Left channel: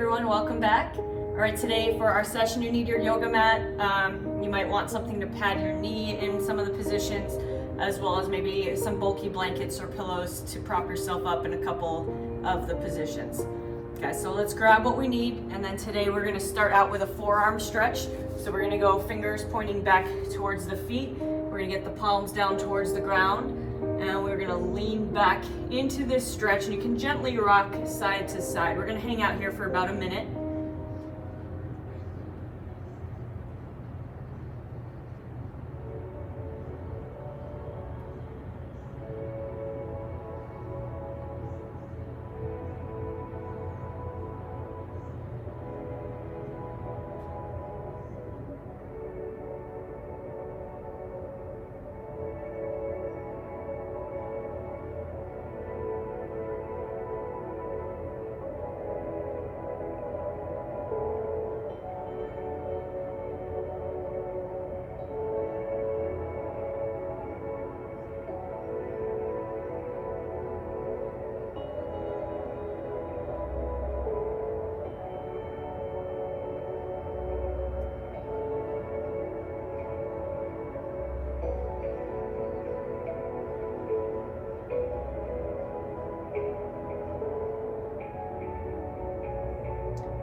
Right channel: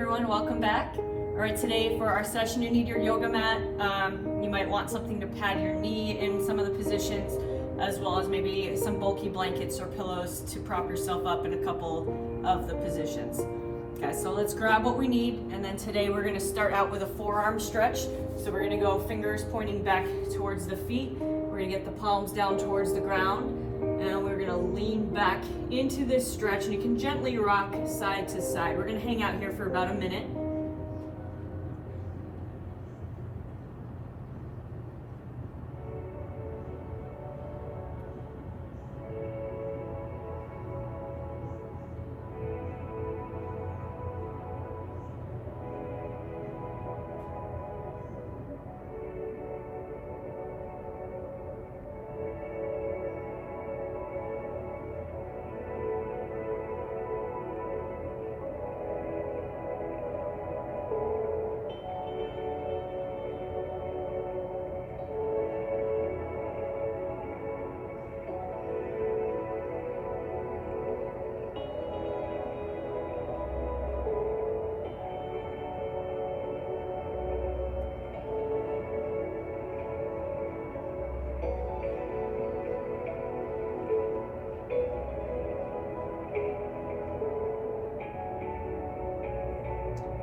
everyone, welcome back. All right, today for our session, you need your yoga mat. You might want something to pad your knee in some of the positions, as well as maybe some bulky blankets or pillows to prop yourself up in a couple of the positions. Okay, so let's grab what we need, and then today we're gonna start out with a forearm stretch. So we're gonna go fingers pointing back towards the feet. We're gonna get the palms down towards the ground, and we're gonna lean back into this stretch, and you can gently rock side to side. We're gonna hang out here for about a minute.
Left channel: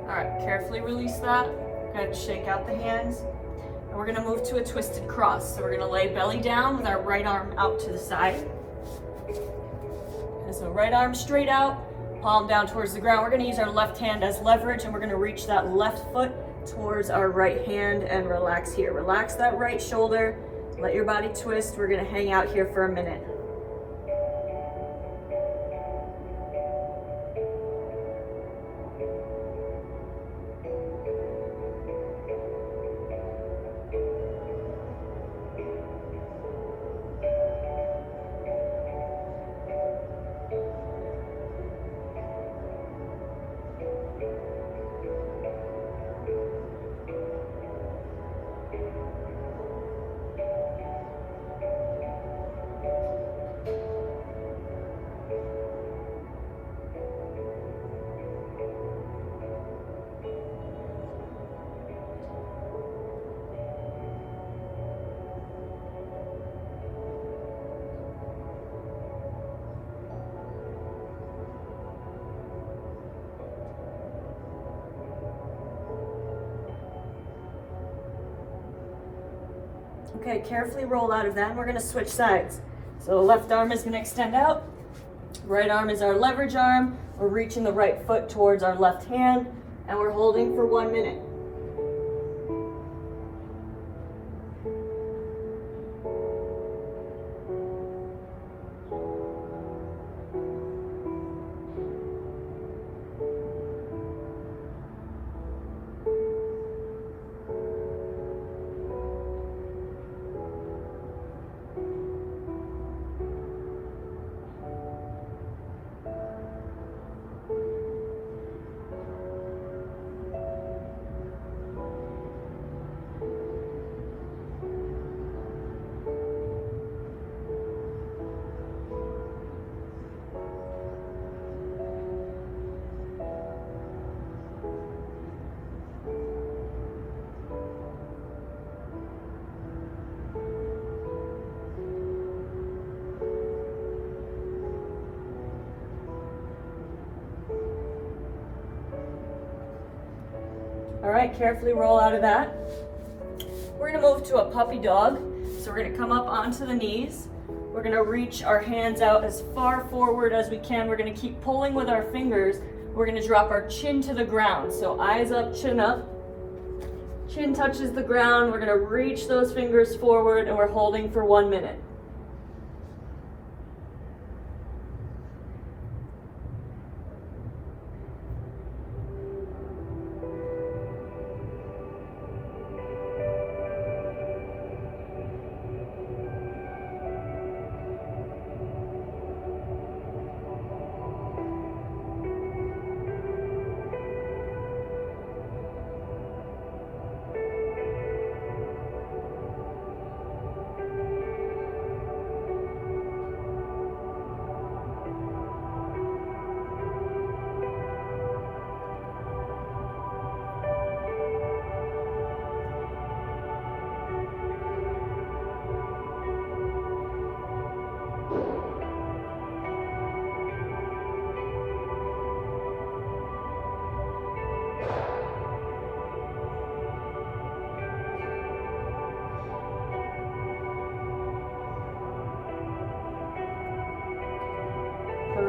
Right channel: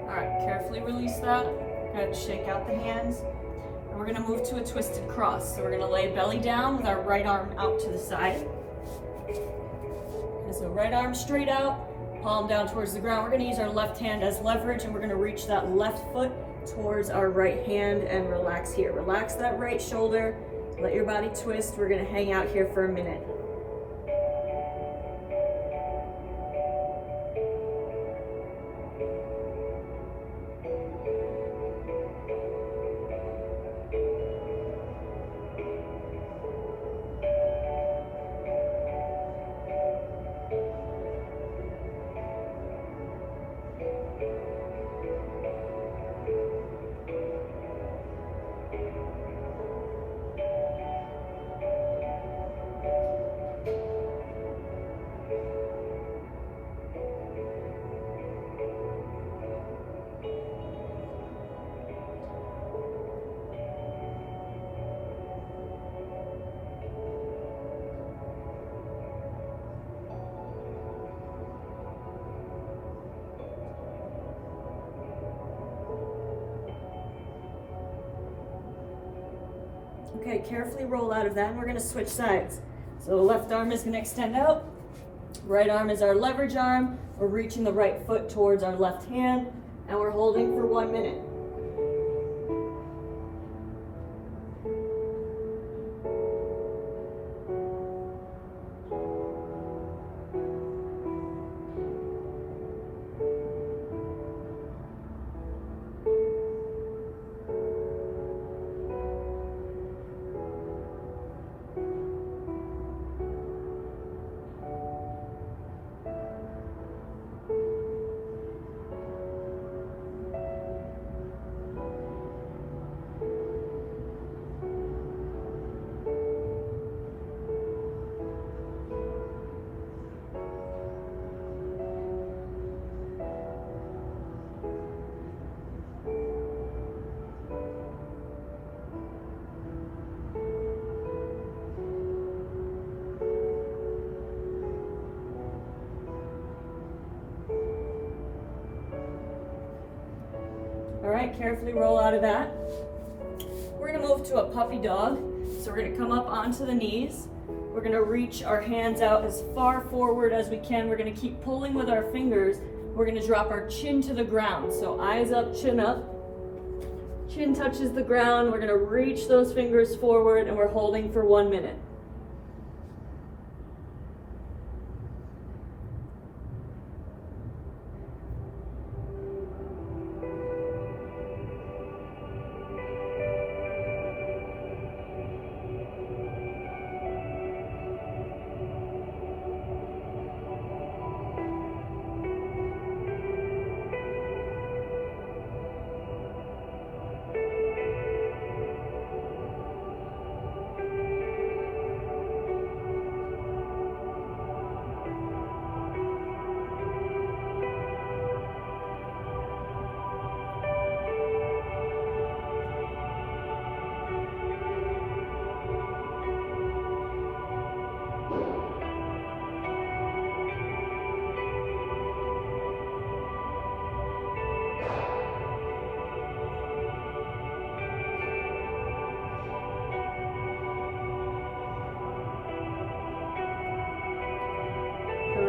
All right, carefully release that. Go ahead and shake out the hands. And we're gonna move to a twisted cross. So we're gonna lay belly down with our right arm out to the side. And so right arm straight out, palm down towards the ground. We're gonna use our left hand as leverage, and we're gonna reach that left foot towards our right hand and relax here. Relax that right shoulder, let your body twist. We're gonna hang out here for a minute. Okay, carefully roll out of that, and we're gonna switch sides. So the left arm is gonna extend out, right arm is our leverage arm. We're reaching the right foot towards our left hand, and we're holding for 1 minute. All right, carefully roll out of that. We're gonna move to a puppy dog. So we're gonna come up onto the knees. We're gonna reach our hands out as far forward as we can. We're gonna keep pulling with our fingers. We're gonna drop our chin to the ground. So eyes up, chin up. Chin touches the ground. We're gonna reach those fingers forward, and we're holding for 1 minute.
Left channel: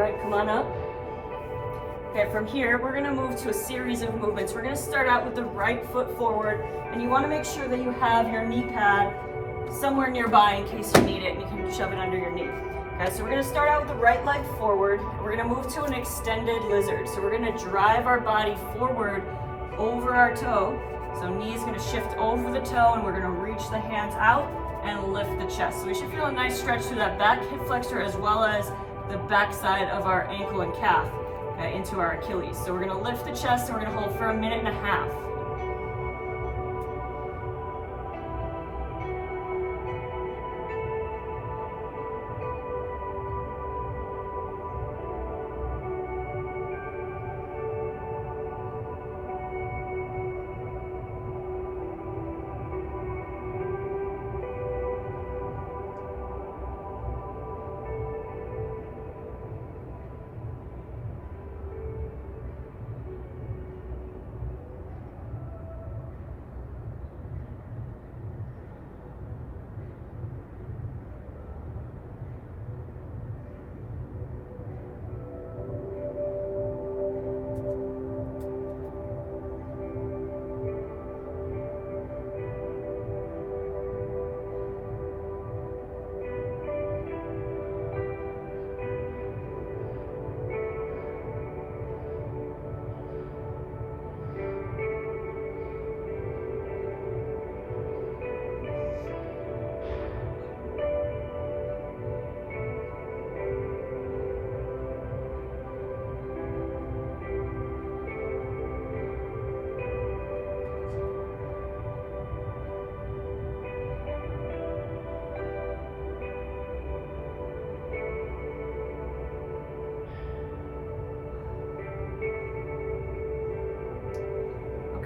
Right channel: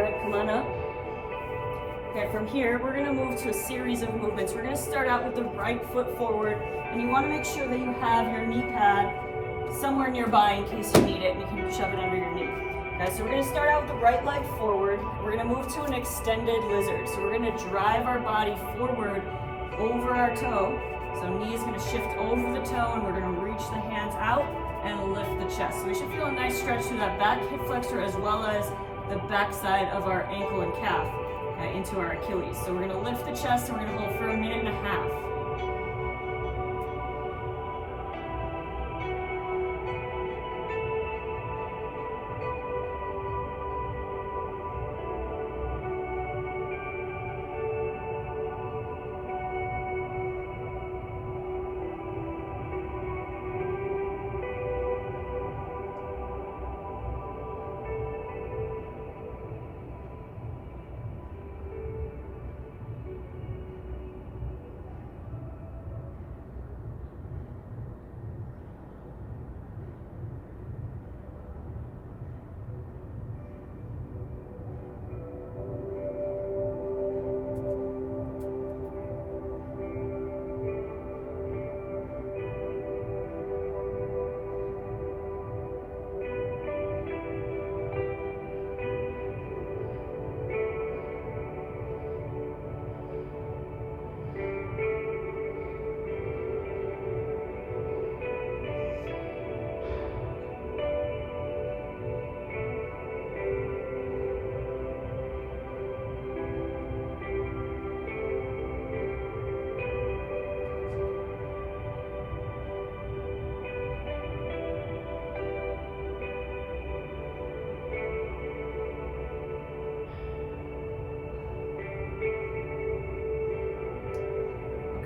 right, come on up. Okay, from here, we're gonna move to a series of movements. We're gonna start out with the right foot forward, and you wanna make sure that you have your knee pad somewhere nearby in case you need it, and you can shove it under your knee. Okay, so we're gonna start out with the right leg forward, and we're gonna move to an extended lizard. So we're gonna drive our body forward over our toe. So knee's gonna shift over the toe, and we're gonna reach the hands out and lift the chest. So we should feel a nice stretch through that back hip flexor as well as the back side of our ankle and calf. Into our Achilles. So we're going to lift the chest and we're going to hold for 1.5 minutes.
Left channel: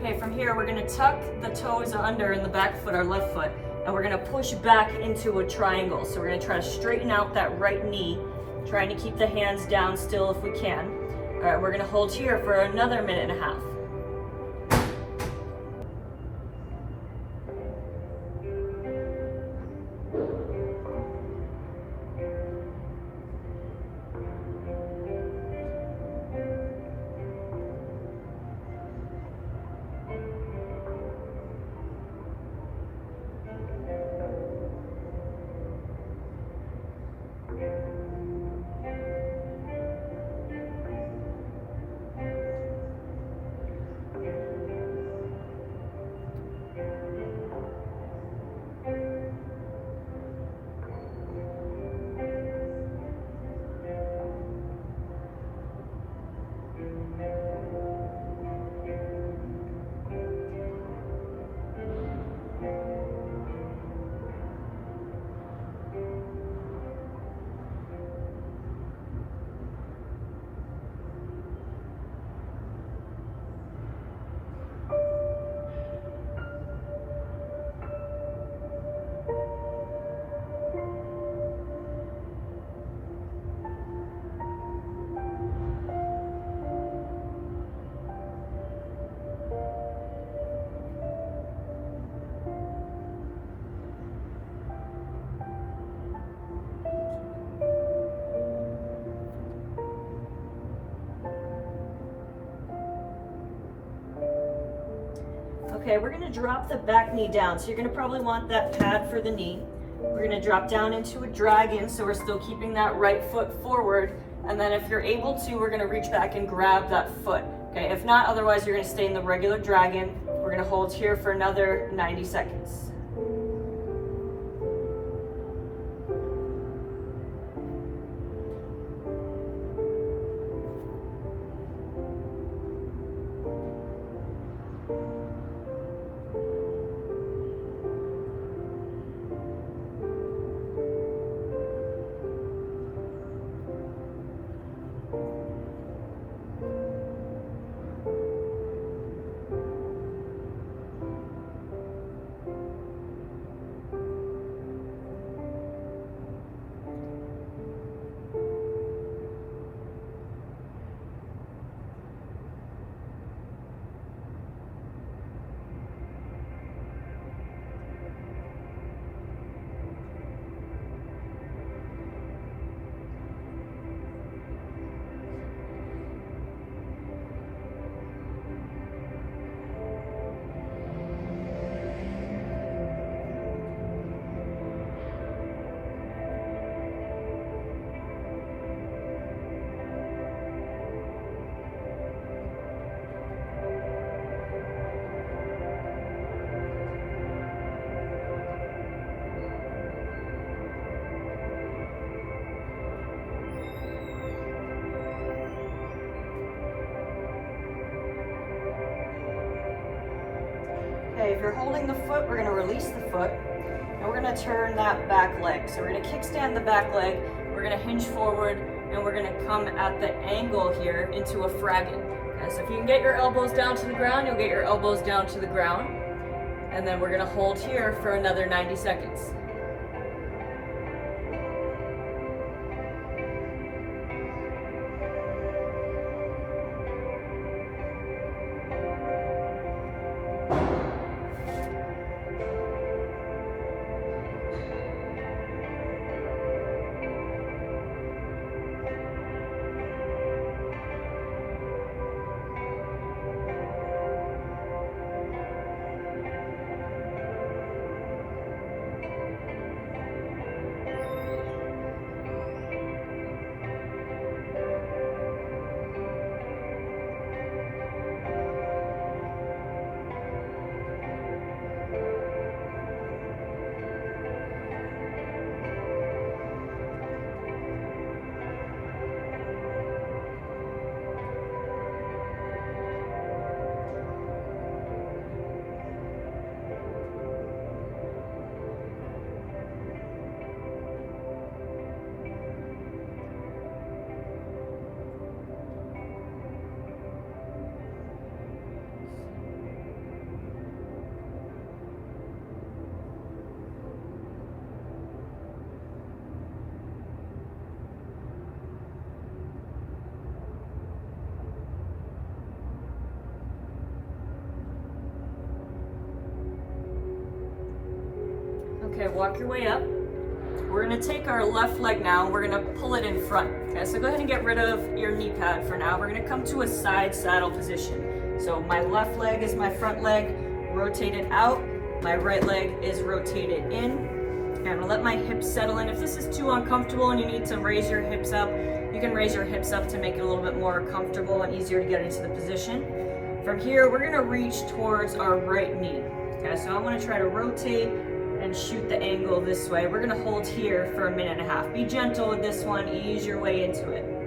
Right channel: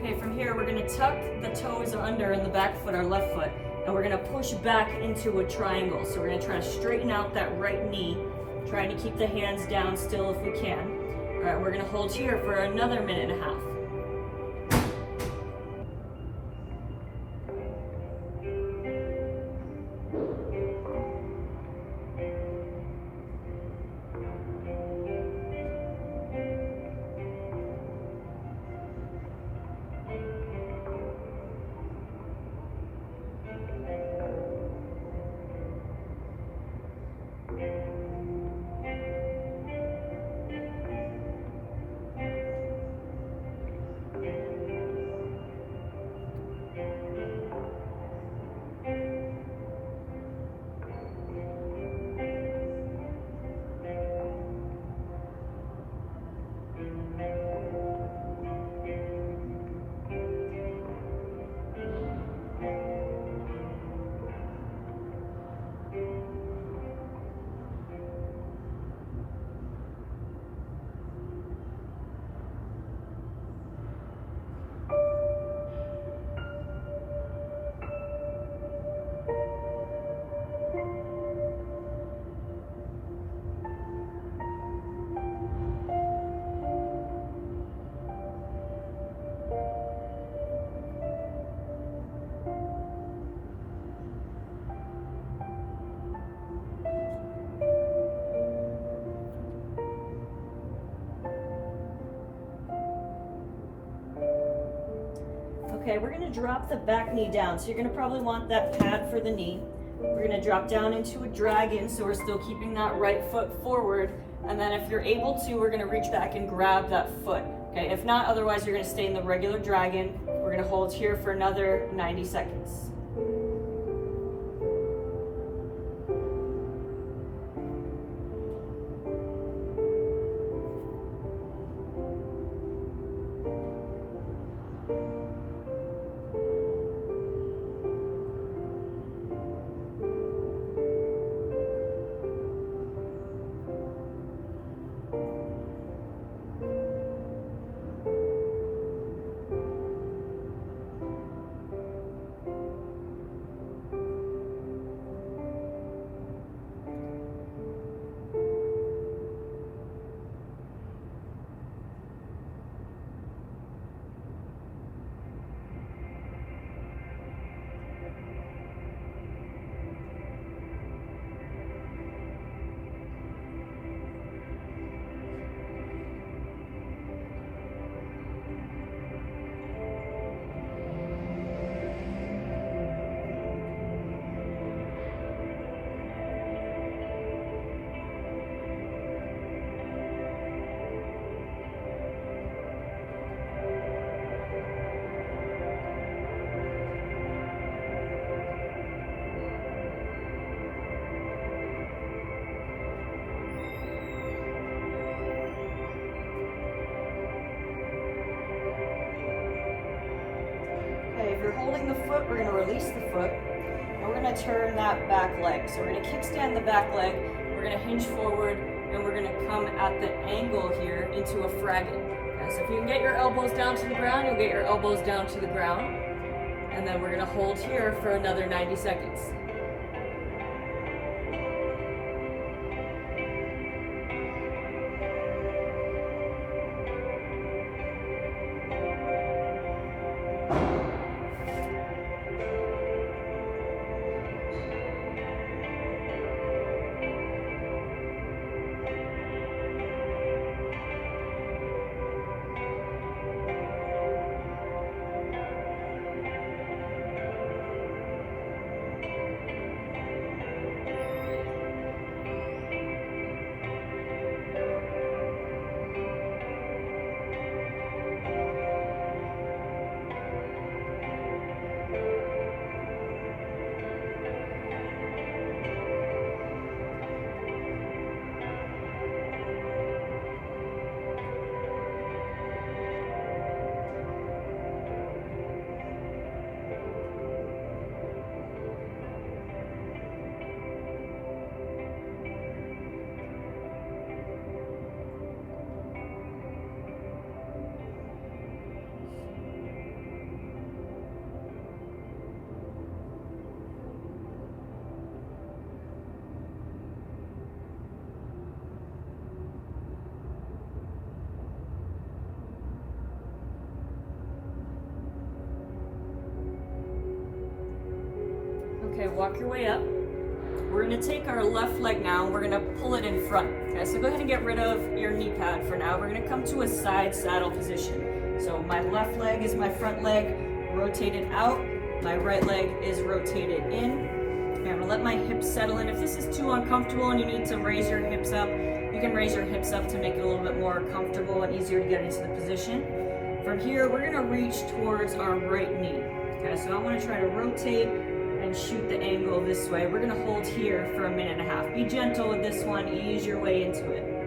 Okay, from here, we're gonna tuck the toes under in the back foot, our left foot, and we're gonna push back into a triangle. So we're gonna try to straighten out that right knee, trying to keep the hands down still if we can. All right, we're gonna hold here for another 1.5 minutes. Okay, we're gonna drop the back knee down. So you're gonna probably want that pad for the knee. We're gonna drop down into a dragon, so we're still keeping that right foot forward. And then if you're able to, we're gonna reach back and grab that foot. Okay, if not, otherwise you're gonna stay in the regular dragon. We're gonna hold here for another 90 seconds. Okay, if you're holding the foot, we're gonna release the foot, and we're gonna turn that back leg. So we're gonna kickstand the back leg, we're gonna hinge forward, and we're gonna come at the angle here into a fragging. Okay, so if you can get your elbows down to the ground, you'll get your elbows down to the ground. And then we're gonna hold here for another 90 seconds. Okay, walk your way up. We're gonna take our left leg now and we're gonna pull it in front. Okay, so go ahead and get rid of your knee pad for now. We're gonna come to a side saddle position. So my left leg is my front leg, rotated out. My right leg is rotated in. And I'm gonna let my hips settle in. If this is too uncomfortable and you need to raise your hips up, you can raise your hips up to make it a little bit more comfortable and easier to get into the position. From here, we're gonna reach towards our right knee. Okay, so I'm gonna try to rotate and shoot the angle this way. We're gonna hold here for 1.5 minutes. Be gentle with this one, ease your way into it.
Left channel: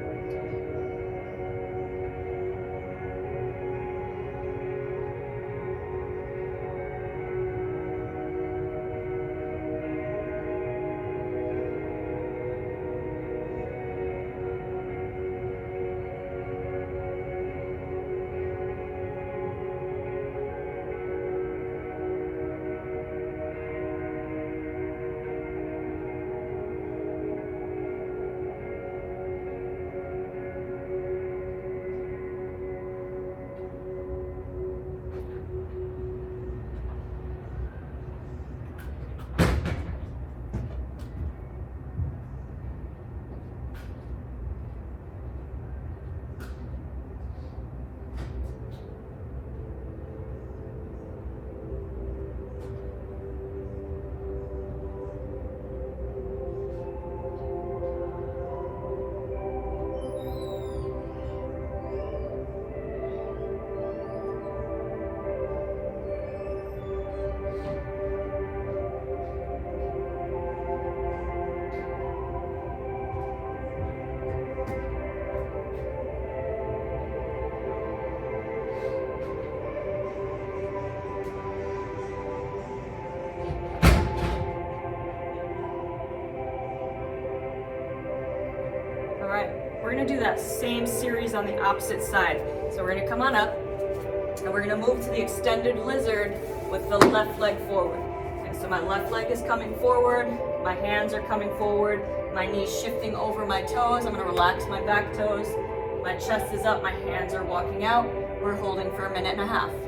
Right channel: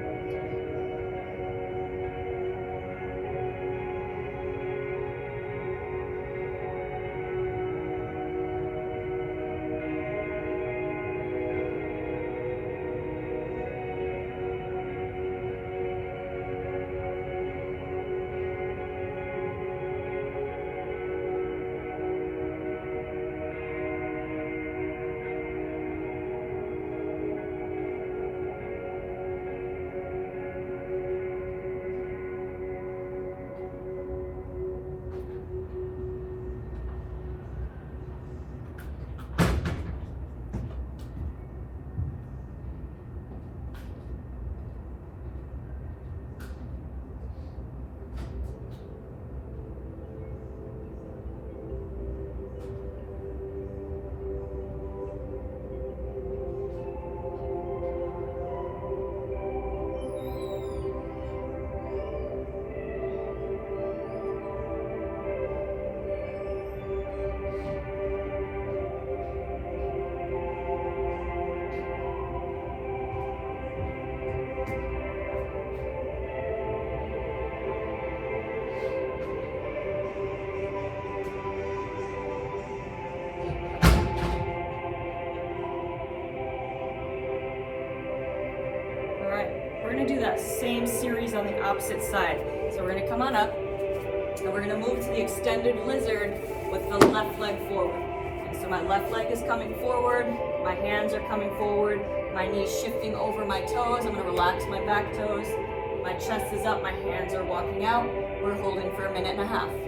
We're gonna do that same series on the opposite side. So we're gonna come on up and we're gonna move to the extended lizard with the left leg forward. Okay, so my left leg is coming forward, my hands are coming forward, my knees shifting over my toes. I'm gonna relax my back toes. My chest is up, my hands are walking out. We're holding for 1.5 minutes.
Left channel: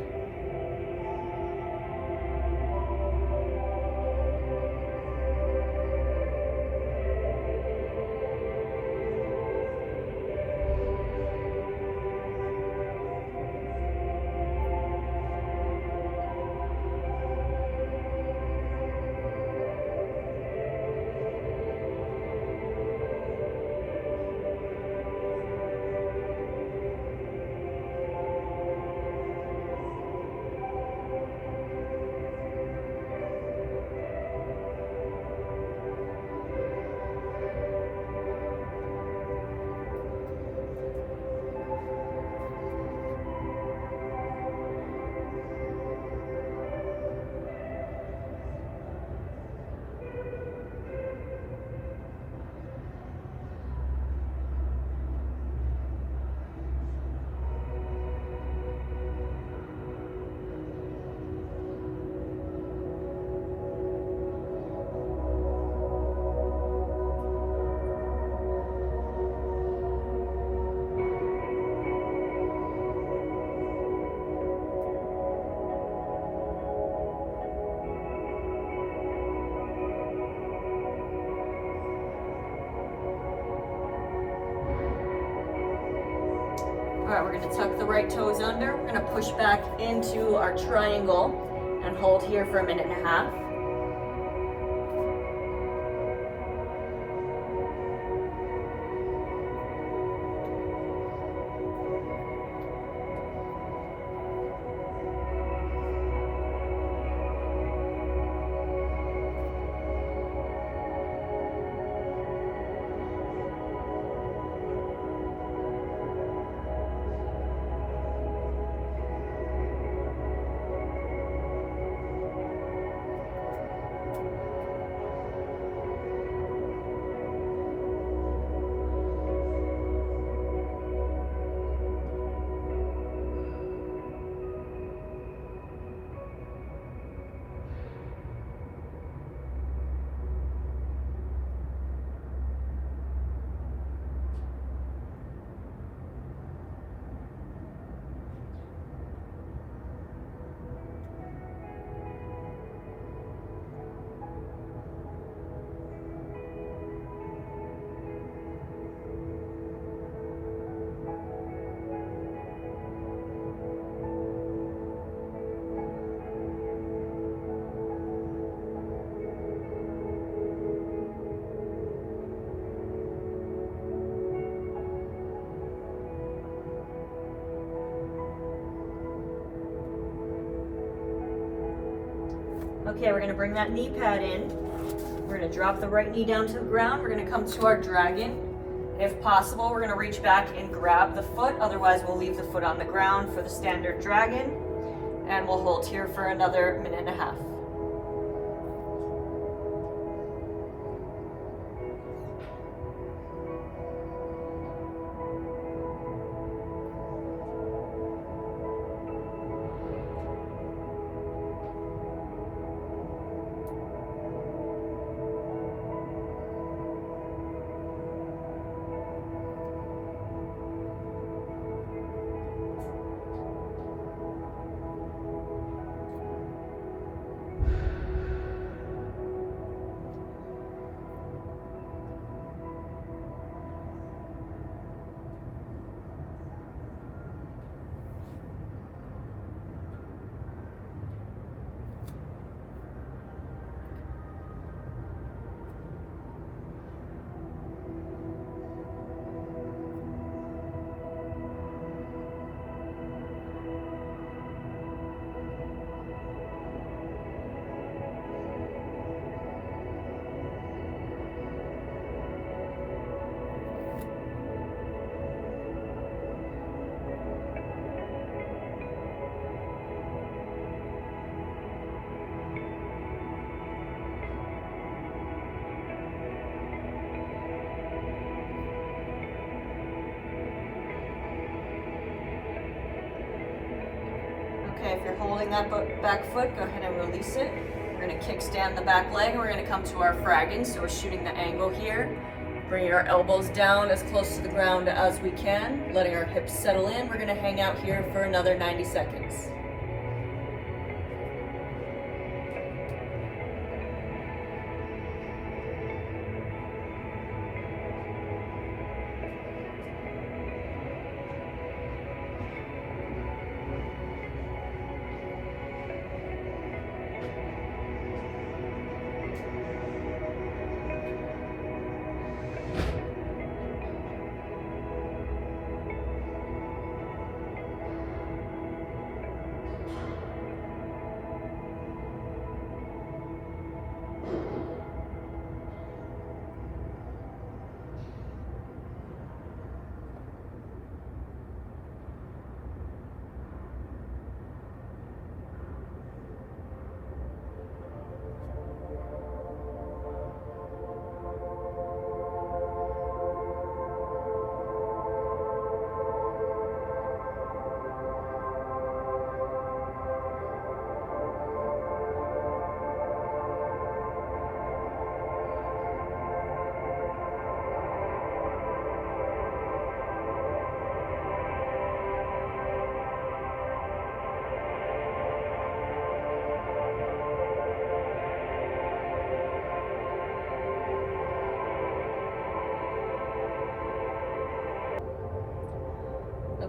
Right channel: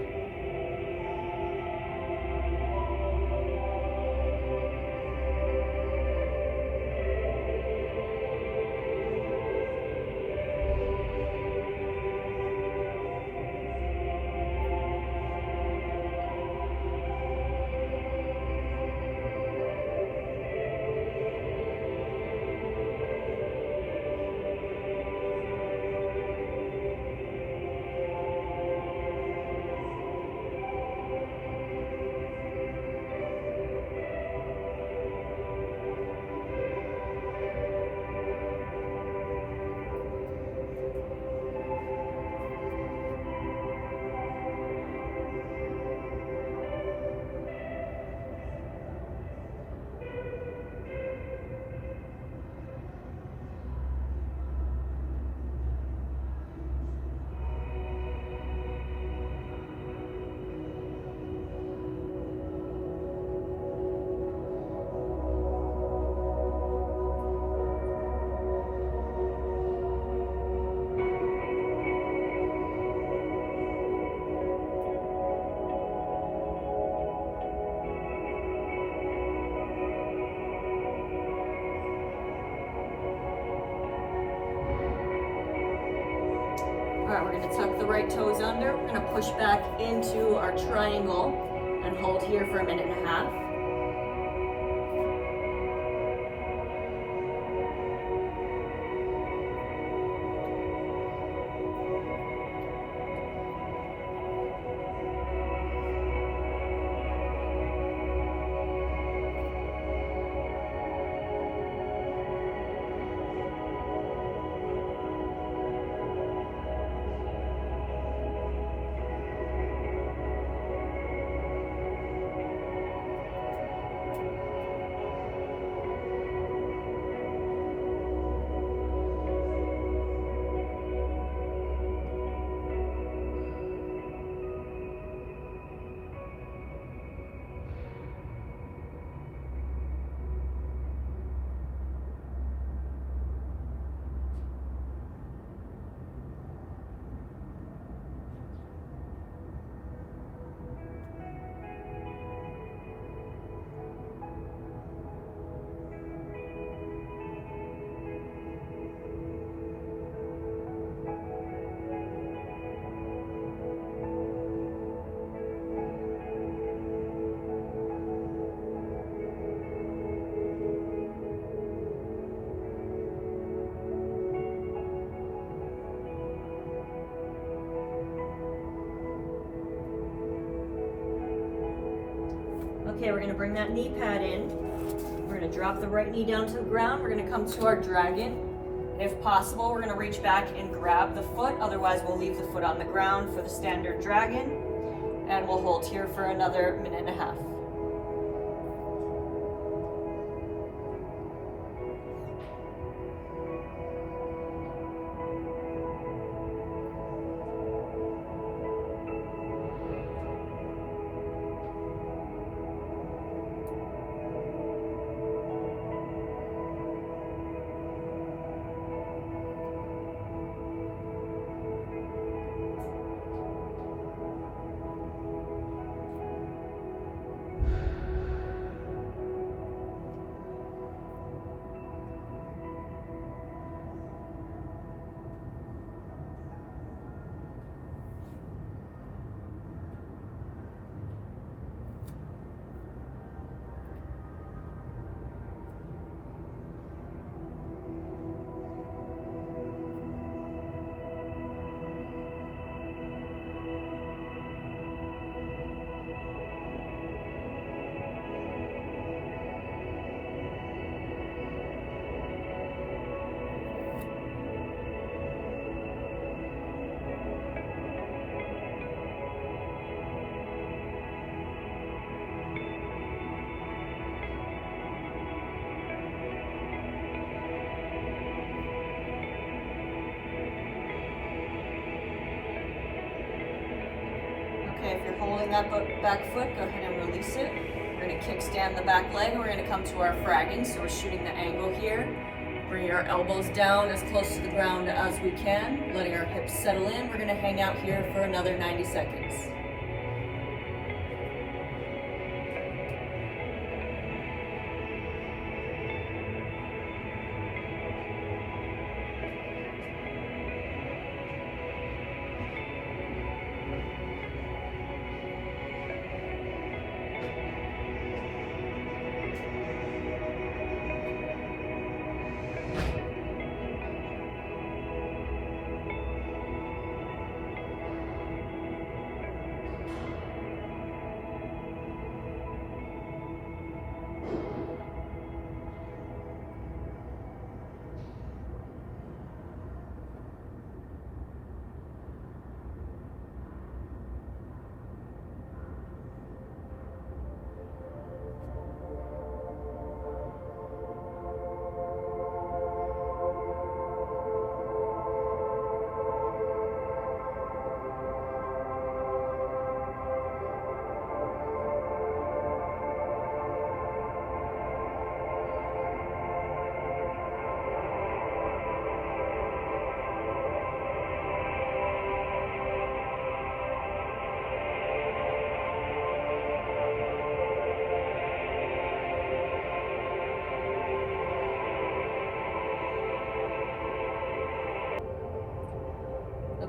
we're gonna tuck the right toes under. We're gonna push back into our triangle and hold here for 1.5 minutes. Okay, we're gonna bring that knee pad in. We're gonna drop the right knee down to the ground. We're gonna come to our dragon. If possible, we're gonna reach back and grab the foot. Otherwise, we'll leave the foot on the ground for the standard dragon. And we'll hold here for another 1.5 minutes. Okay, if you're holding that back foot, go ahead and release it. We're gonna kickstand the back leg and we're gonna come to our fragging. So we're shooting the angle here, bringing our elbows down as close to the ground as we can, letting our hips settle in. We're gonna hang out here for another 90 seconds.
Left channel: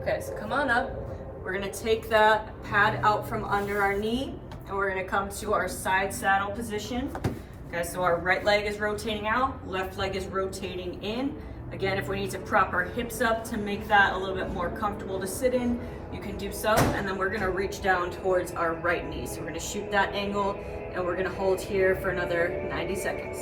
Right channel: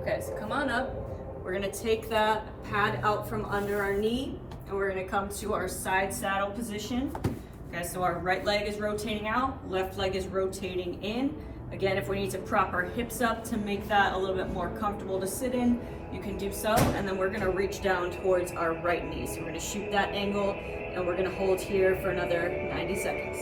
Okay, so come on up. We're gonna take that pad out from under our knee and we're gonna come to our side saddle position. Okay, so our right leg is rotating out, left leg is rotating in. Again, if we need to prop our hips up to make that a little bit more comfortable to sit in, you can do so. And then we're gonna reach down towards our right knee. So we're gonna shoot that angle and we're gonna hold here for another 90 seconds.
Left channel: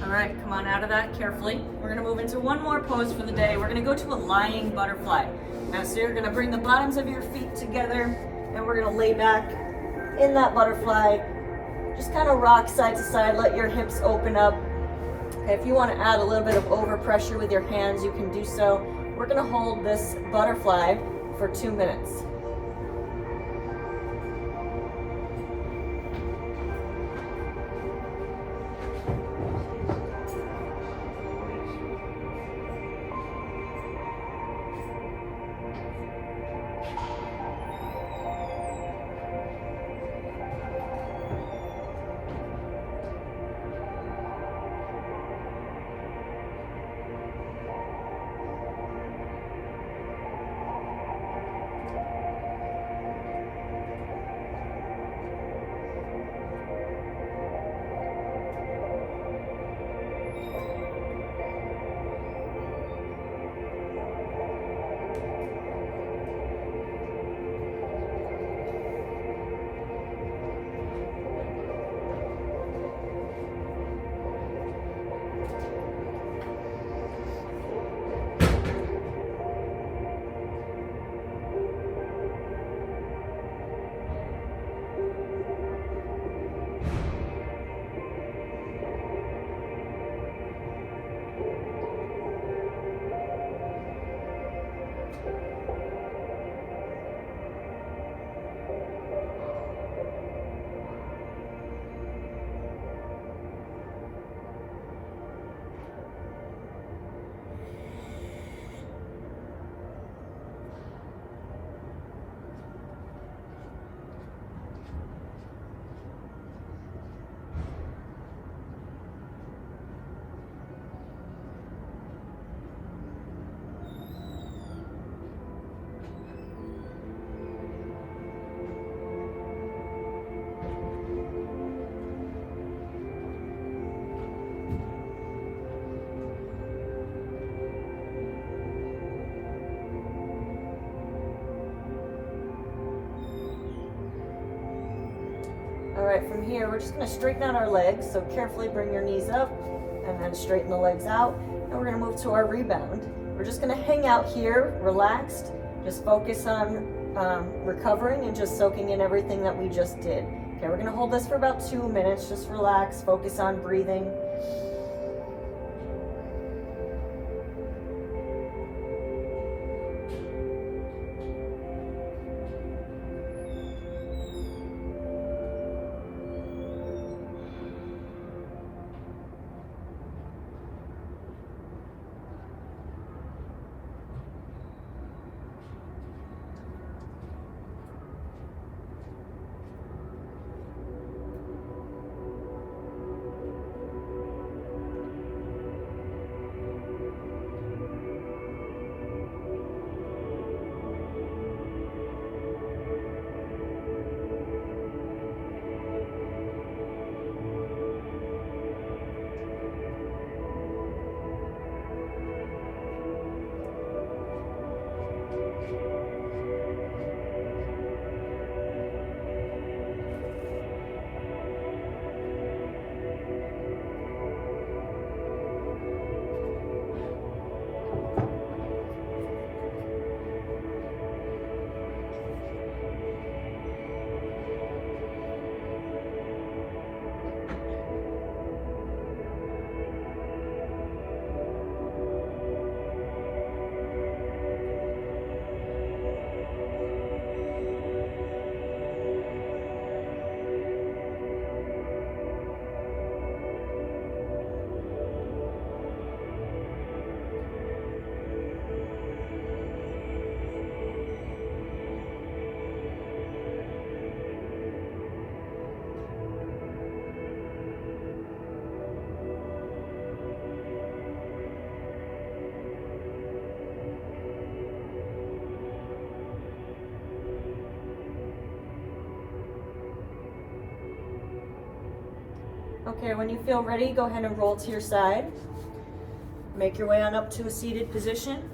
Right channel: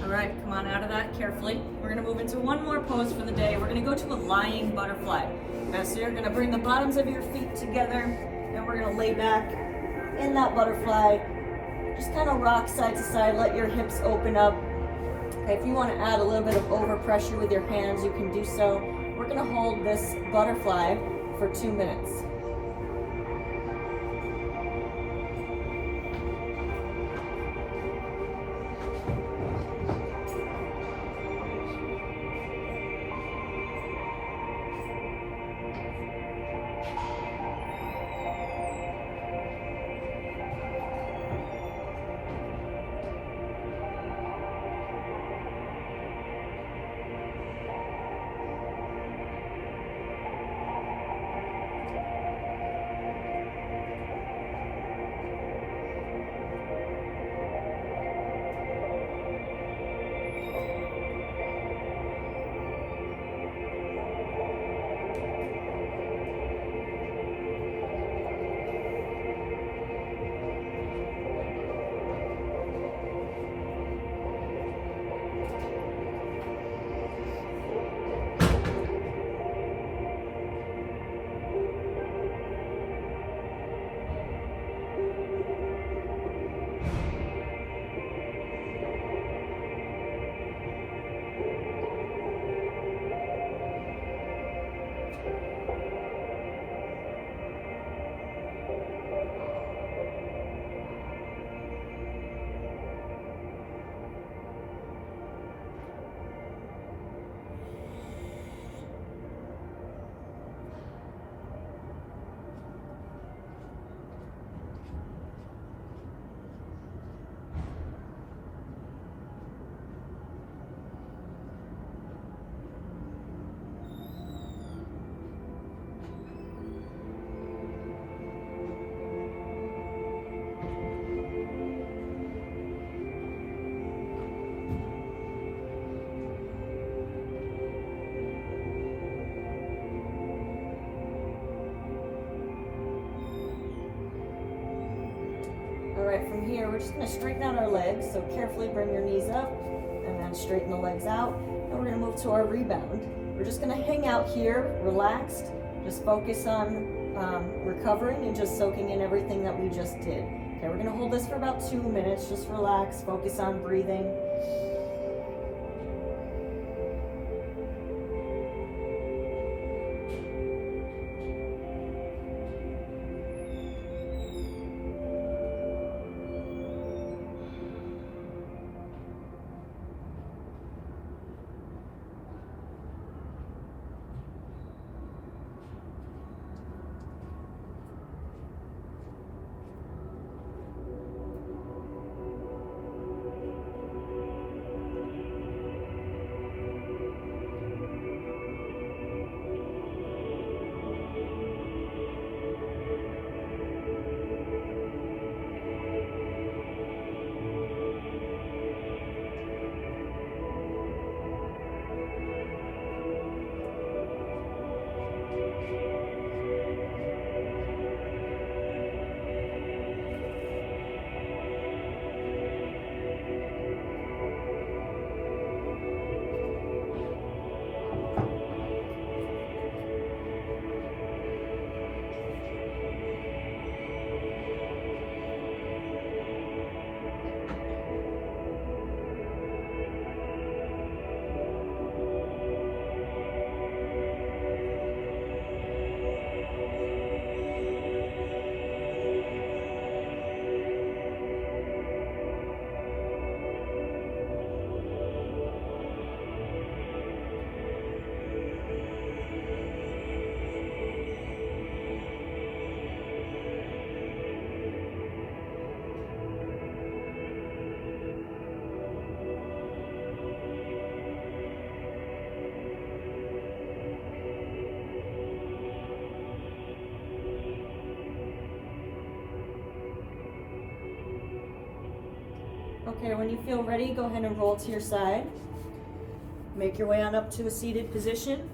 All right, come on out of that carefully. We're gonna move into one more pose for the day. We're gonna go to a lying butterfly. Now, so you're gonna bring the bottoms of your feet together and we're gonna lay back in that butterfly. Just kind of rock side to side, let your hips open up. If you wanna add a little bit of overpressure with your hands, you can do so. We're gonna hold this butterfly for 2 minutes. All right, from here, we're just gonna straighten out our legs. So carefully bring your knees up and then straighten the legs out. And we're gonna move to our rebound. We're just gonna hang out here, relaxed. Just focus on recovering and just soaking in everything that we just did. Okay, we're gonna hold this for about 2 minutes. Just relax, focus on breathing. Okay, when you feel ready, go ahead and roll to your side. Make your way on up to a seated position.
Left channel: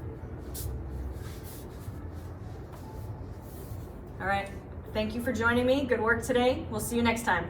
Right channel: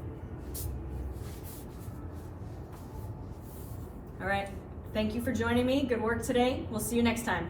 All right, thank you for joining me. Good work today. We'll see you next time.